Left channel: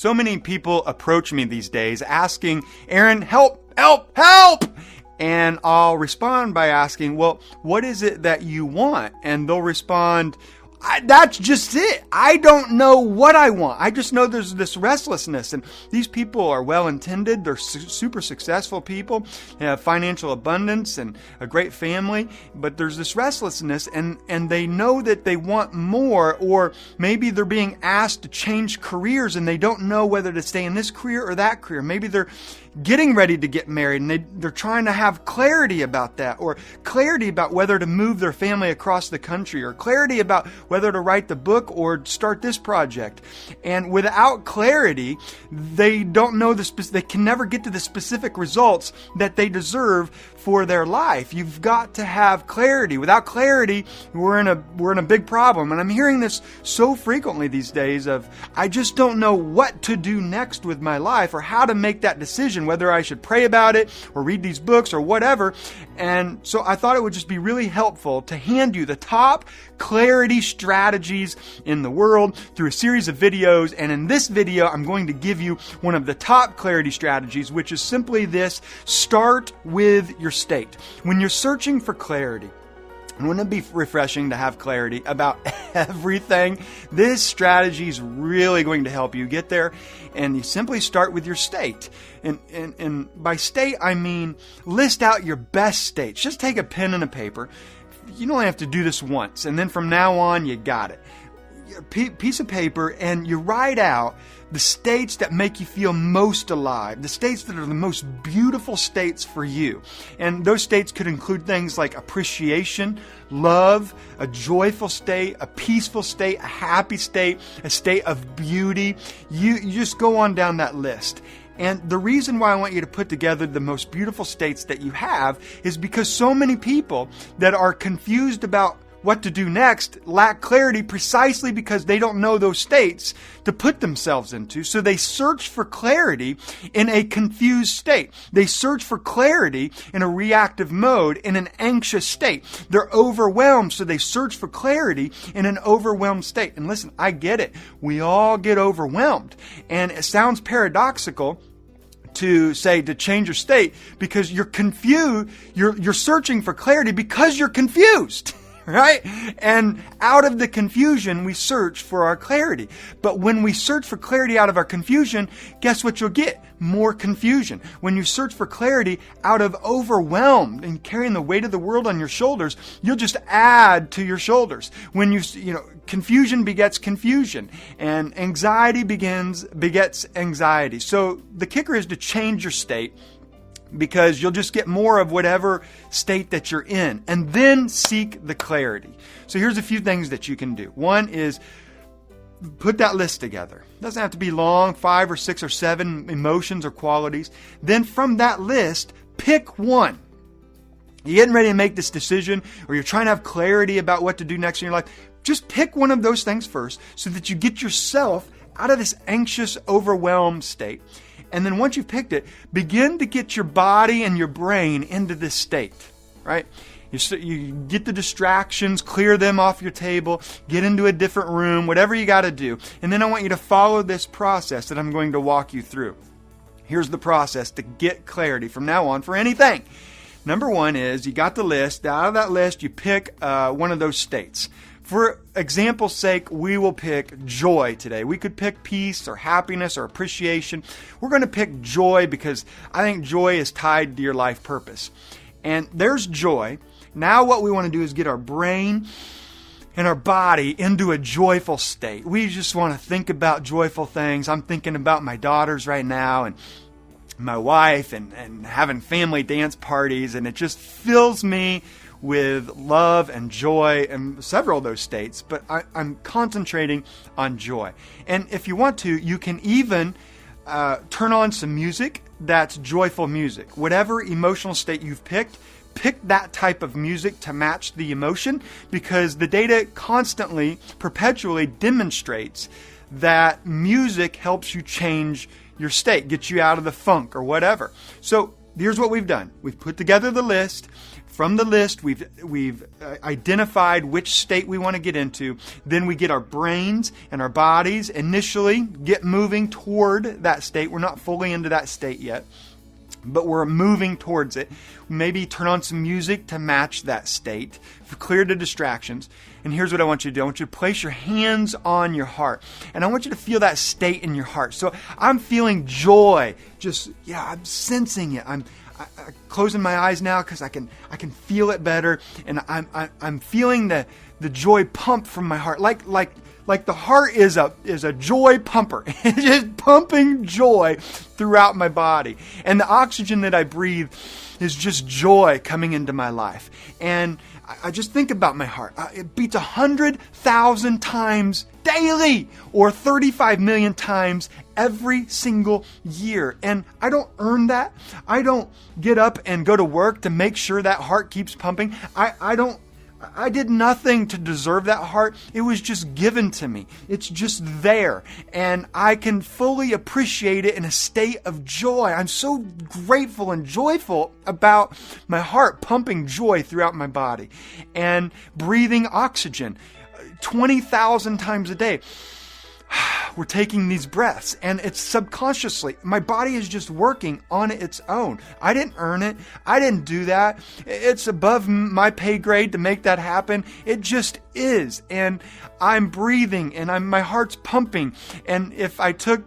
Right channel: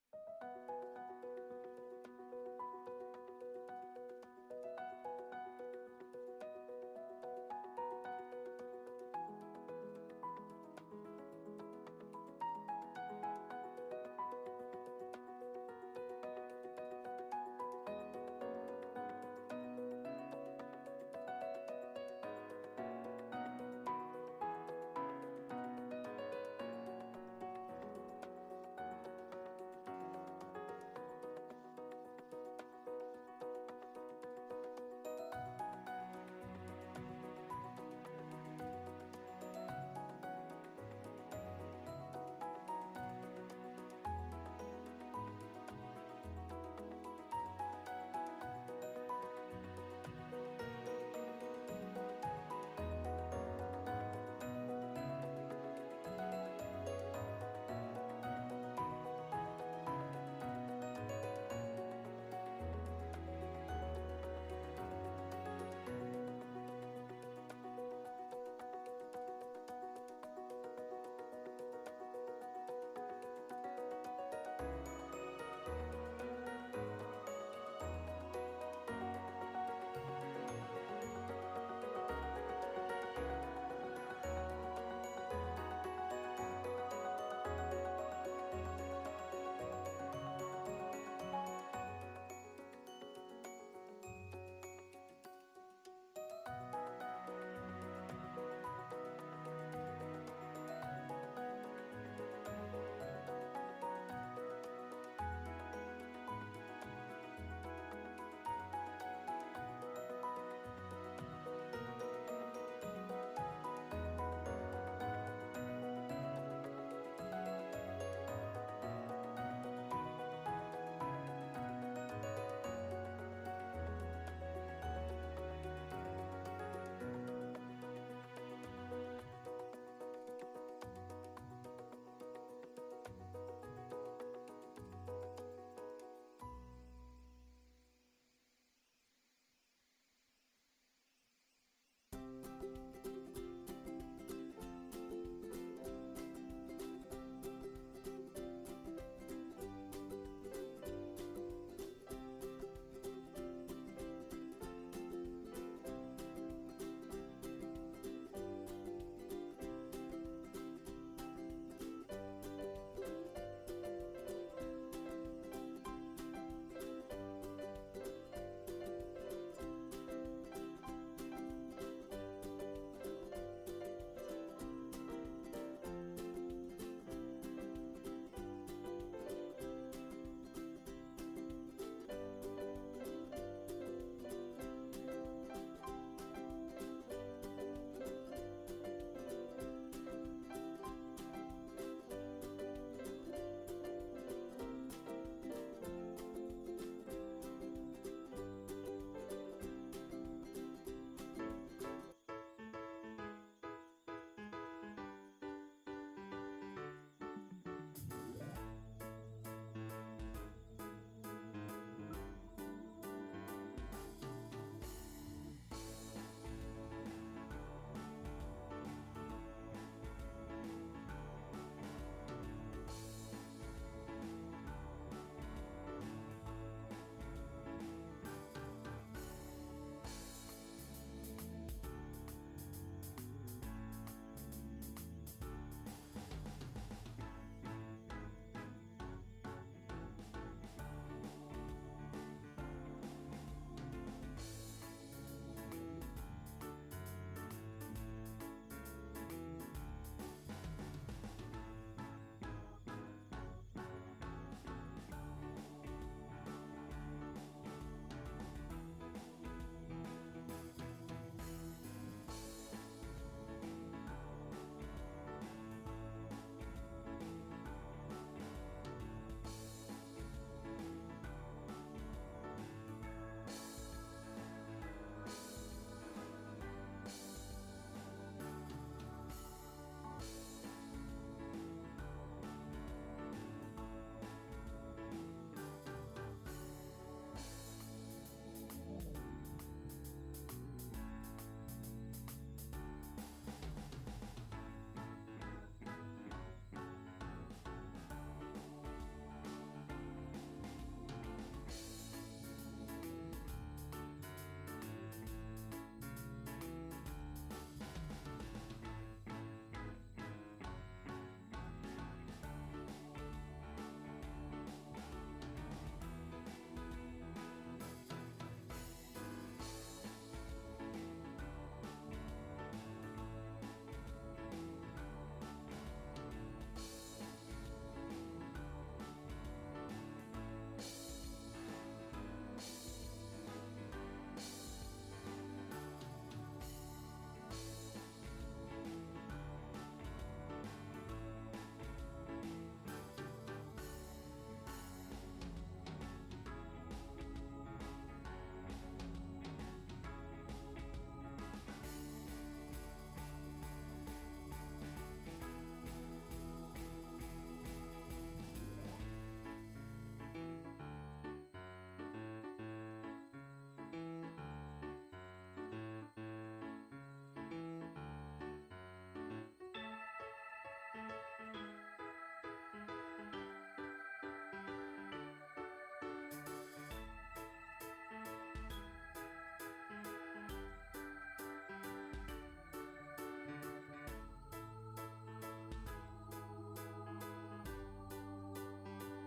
So many people approach me these days asking, Aaron, help, help, help! And I'll respond by asking, well, what is it that you want? And they'll respond, that's just it. I don't know what I want. I just know there's this restlessness. And these people are well-intended. They're super successful people. They have financial abundance and a great family. But there's this restlessness, and they know that they want more. Or maybe they're being asked to change careers, and they don't know whether to stay in this career or that career. Maybe they're getting ready to get married, and they're trying to have clarity about that, or clarity about whether to move their family across the country, or clarity about whether to write the book or start this project. And without clarity, they don't know they can never get to the specific results that they deserve for their life. You've got to have clarity. Without clarity, we're in a big problem. And I'm hearing this so frequently these days of, I just don't know what to do next with my life, or how to make that decision, whether I should pray about it or read these books or whatever. And so I thought it would just be really helpful to hand you the top clarity strategies in the world through a series of videos. And in this video, I'm going to give you one of the top clarity strategies, which is simply this: start with your state. When you're searching for clarity, and wouldn't it be refreshing to have clarity about everything? This strategy is really going to help you get there. And you simply start with your state. And by state, I mean list out your best states. Just take a pen and a paper. You only have to do this once, and then from now on, you got it. Piece of paper, and you write out the states that make you feel most alive, the states that are the most beautiful states for you. And those states could include things like appreciation, love, a joyful state, a peaceful state, a happy state, a state of beauty. You just go on down that list. And the reason why I want you to put together the most beautiful states that you have is because so many people that are confused about what to do next lack clarity, precisely because they don't know those states to put themselves into. So they search for clarity in a confused state. They search for clarity in a reactive mode, in an anxious state. They're overwhelmed, so they search for clarity in an overwhelmed state. And listen, I get it. We all get overwhelmed. And it sounds paradoxical to say to change your state because you're confused. You're searching for clarity because you're confused. Right? And out of the confusion, we search for our clarity. But when we search for clarity out of our confusion, guess what you'll get? More confusion. When you search for clarity out of overwhelmed and carrying the weight of the world on your shoulders, you'll just add to your shoulders. When confusion begets confusion, and anxiety begets anxiety. So the kicker is to change your state, because you'll just get more of whatever state that you're in, and then seek the clarity. So here's a few things that you can do. One is put that list together. It doesn't have to be long, 5 or 6 or 7 emotions or qualities. Then from that list, pick one. You're getting ready to make this decision, or you're trying to have clarity about what to do next in your life. Just pick one of those things first so that you get yourself out of this anxious, overwhelmed state. And then once you've picked it, begin to get your body and your brain into this state, right? You get the distractions, clear them off your table, get into a different room, whatever you got to do. And then I want you to follow this process that I'm going to walk you through. Here's the process to get clarity from now on for anything. Number one is you got the list. Out of that list, you pick one of those states. For example's sake, we will pick joy today. We could pick peace or happiness or appreciation. We're going to pick joy because I think joy is tied to your life purpose. And there's joy. Now what we want to do is get our brain and our body into a joyful state. We just want to think about joyful things. I'm thinking about my daughters right now and my wife and having family dance parties, and it just fills me with love and joy and several of those states, but I'm concentrating on joy. And if you want to, you can even turn on some music that's joyful music. Whatever emotional state you've picked, pick that type of music to match the emotion, because the data constantly, perpetually demonstrates that music helps you change your state, gets you out of the funk or whatever. So here's what we've done. We've put together the list. From the list, we've identified which state we want to get into. Then we get our brains and our bodies initially get moving toward that state. We're not fully into that state yet, but we're moving towards it. Maybe turn on some music to match that state, clear the distractions. And here's what I want you to do. I want you to place your hands on your heart. And I want you to feel that state in your heart. So I'm feeling joy. I'm sensing it. I'm closing my eyes now because I can feel it better. And I'm feeling the joy pump from my heart. Like the heart is a joy pumper. It's just pumping joy throughout my body. And the oxygen that I breathe is just joy coming into my life. And I just think about my heart. It beats 100,000 times daily, or 35 million times every single year. And I don't earn that. I don't get up and go to work to make sure that heart keeps pumping. I did nothing to deserve that heart. It was just given to me. It's just there. And I can fully appreciate it in a state of joy. I'm so grateful and joyful about my heart pumping joy throughout my body and breathing oxygen 20,000 times a day. We're taking these breaths, and it's subconsciously. My body is just working on its own. I didn't earn it. I didn't do that. It's above my pay grade to make that happen. It just is. And I'm breathing, and my heart's pumping. And if I took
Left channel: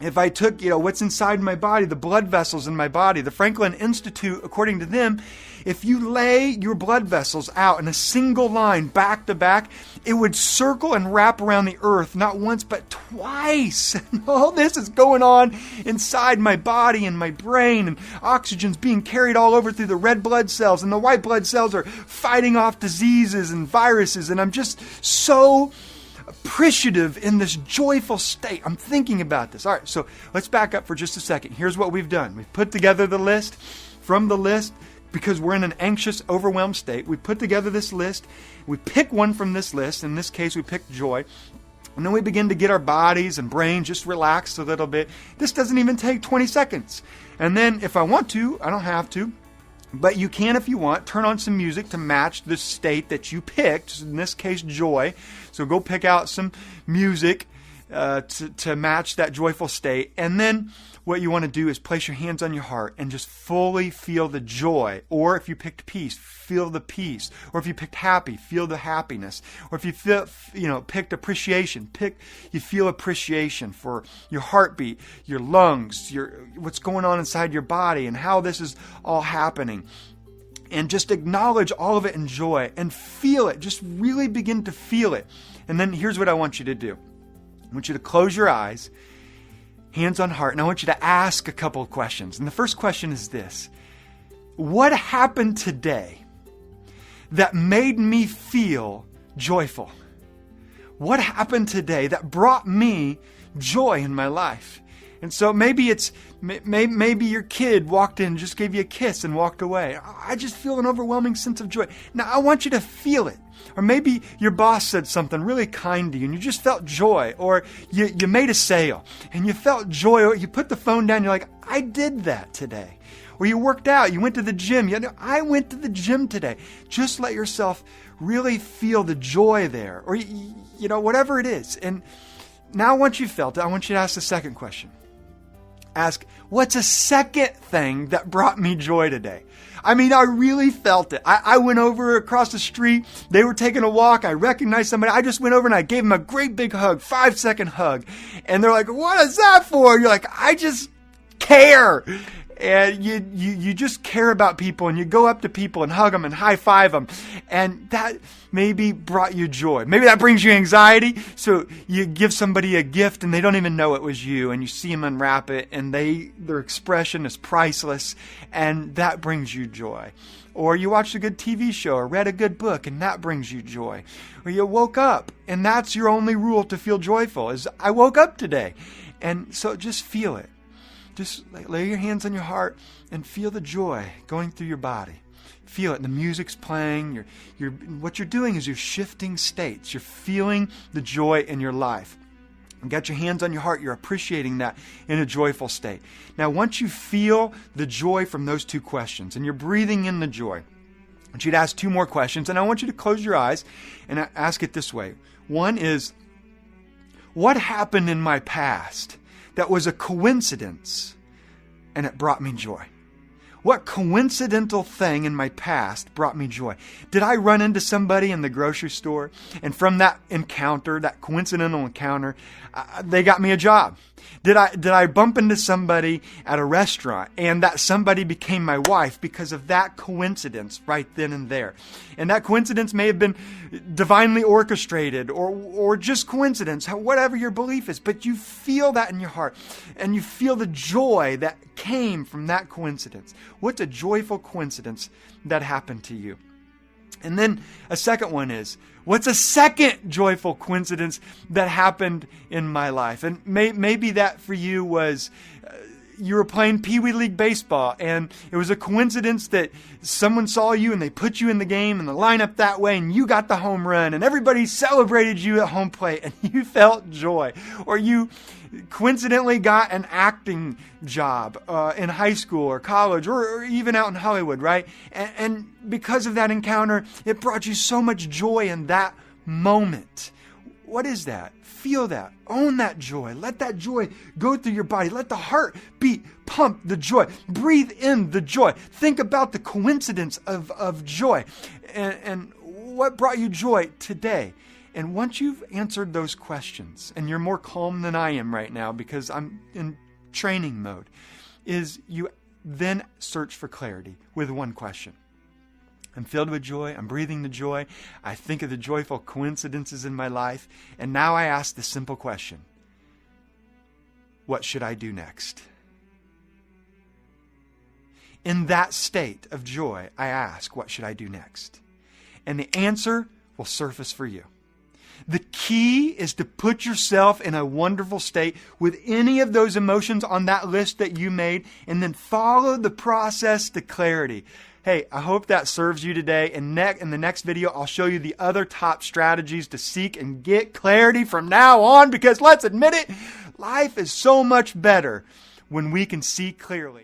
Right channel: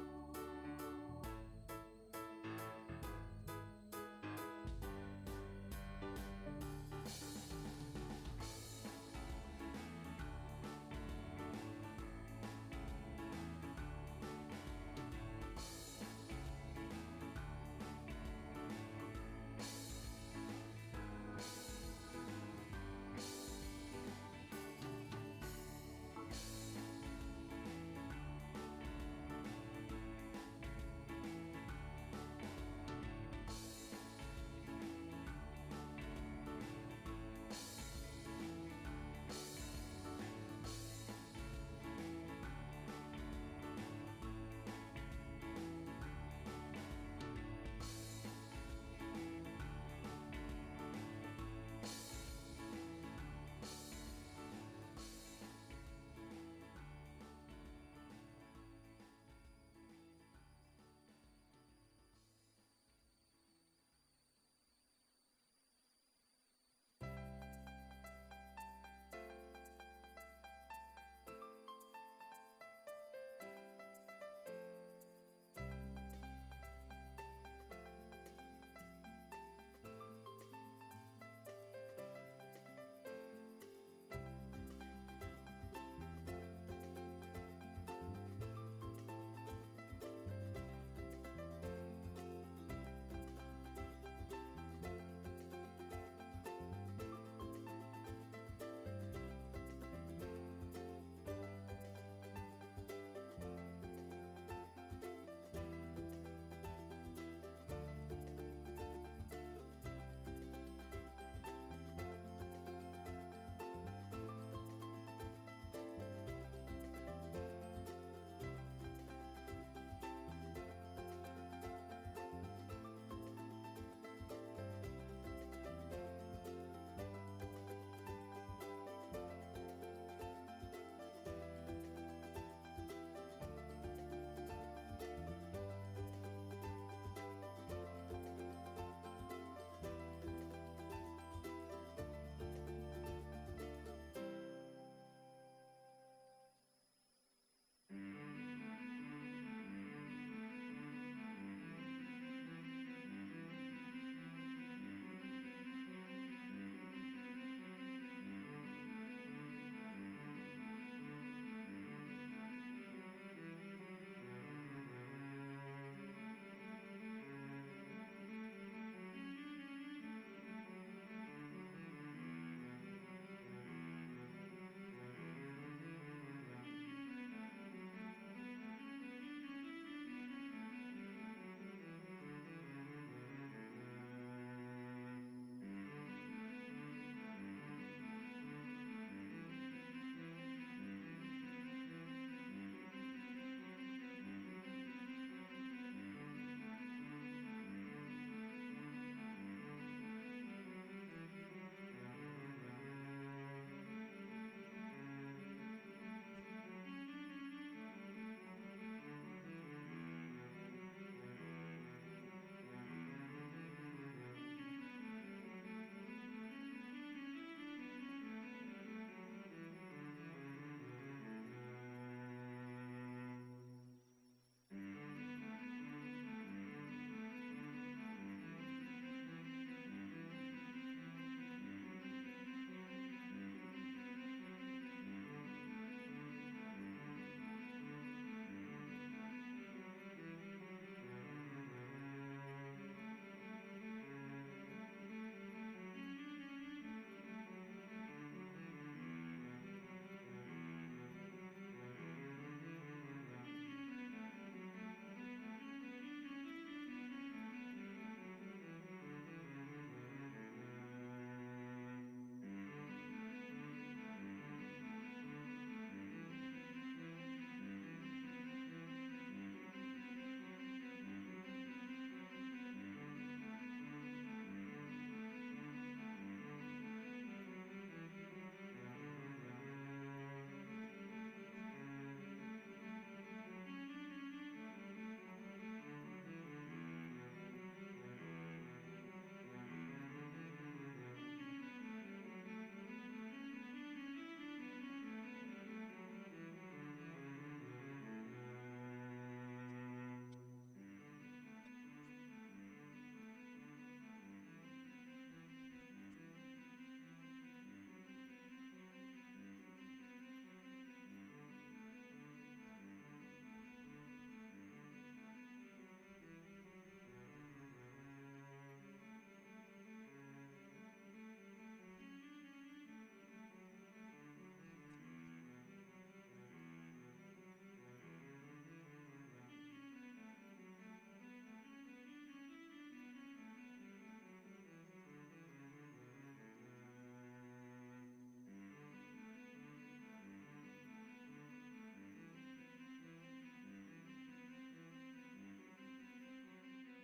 what's inside my body, the blood vessels in my body, the Franklin Institute, according to them, if you lay your blood vessels out in a single line back to back, it would circle and wrap around the earth, not once, but twice. And all this is going on inside my body and my brain, and oxygen's being carried all over through the red blood cells, and the white blood cells are fighting off diseases and viruses, and I'm just so appreciative in this joyful state. I'm thinking about this. All right, so let's back up for just a second. Here's what we've done. We've put together the list. From the list, because we're in an anxious, overwhelmed state, we put together this list. We pick one from this list. In this case, we picked joy. And then we begin to get our bodies and brains just relaxed a little bit. This doesn't even take 20 seconds. And then if I want to, I don't have to, but you can if you want, turn on some music to match the state that you picked, in this case, joy. So go pick out some music to match that joyful state. And then what you want to do is place your hands on your heart and just fully feel the joy. Or if you picked peace, feel the peace. Or if you picked happy, feel the happiness. Or if you picked appreciation, you feel appreciation for your heartbeat, your lungs, what's going on inside your body, and how this is all happening. And just acknowledge all of it in joy and feel it. Just really begin to feel it. And then here's what I want you to do. I want you to close your eyes, hands on heart, and I want you to ask a couple of questions. And the first question is this: what happened today that made me feel joyful? What happened today that brought me joy in my life? And so maybe maybe your kid walked in, just gave you a kiss and walked away. I just feel an overwhelming sense of joy. Now I want you to feel it. Or maybe your boss said something really kind to you and you just felt joy. Or you made a sale and you felt joy. Or you put the phone down and you're like, I did that today. Or you worked out, you went to the gym. I went to the gym today. Just let yourself really feel the joy there. Or, whatever it is. And now once you've felt it, I want you to ask the second question. Ask, what's a second thing that brought me joy today? I mean, I really felt it. I went over across the street. They were taking a walk. I recognized somebody. I just went over and I gave them a great big hug, 5-second hug. And they're like, what is that for? And you're like, I just care. And you just care about people, and you go up to people and hug them and high five them. And that maybe brought you joy. Maybe that brings you anxiety. So you give somebody a gift and they don't even know it was you, and you see them unwrap it and their expression is priceless, and that brings you joy. Or you watched a good TV show or read a good book and that brings you joy. Or you woke up and that's your only rule to feel joyful is I woke up today. And so just feel it. Just lay your hands on your heart and feel the joy going through your body. Feel it. The music's playing. What you're doing is you're shifting states. You're feeling the joy in your life. You got your hands on your heart. You're appreciating that in a joyful state. Now, once you feel the joy from those two questions and you're breathing in the joy, I want you to ask two more questions, and I want you to close your eyes and ask it this way. One is, what happened in my past that was a coincidence and it brought me joy? What coincidental thing in my past brought me joy? Did I run into somebody in the grocery store, and from that encounter, that coincidental encounter, they got me a job? Did I bump into somebody at a restaurant, and that somebody became my wife because of that coincidence right then and there? And that coincidence may have been divinely orchestrated or just coincidence, whatever your belief is, but you feel that in your heart, and you feel the joy that came from that coincidence. What's a joyful coincidence that happened to you? And then a second one is, what's a second joyful coincidence that happened in my life? And maybe that for you was you were playing Pee Wee League baseball, and it was a coincidence that someone saw you and they put you in the game and the lineup that way, and you got the home run, and everybody celebrated you at home plate, and you felt joy. Or you coincidentally got an acting job in high school or college or even out in Hollywood, right? And because of that encounter, it brought you so much joy in that moment. What is that? Feel that. Own that joy. Let that joy go through your body. Let the heart beat, pump the joy. Breathe in the joy. Think about the coincidence of joy. And what brought you joy today? And once you've answered those questions, and you're more calm than I am right now because I'm in training mode, is you then search for clarity with one question. I'm filled with joy. I'm breathing the joy. I think of the joyful coincidences in my life. And now I ask the simple question, what should I do next? In that state of joy, I ask, what should I do next? And the answer will surface for you. The key is to put yourself in a wonderful state with any of those emotions on that list that you made, and then follow the process to clarity. Hey, I hope that serves you today. In the next video, I'll show you the other top strategies to seek and get clarity from now on, because let's admit it, life is so much better when we can see clearly.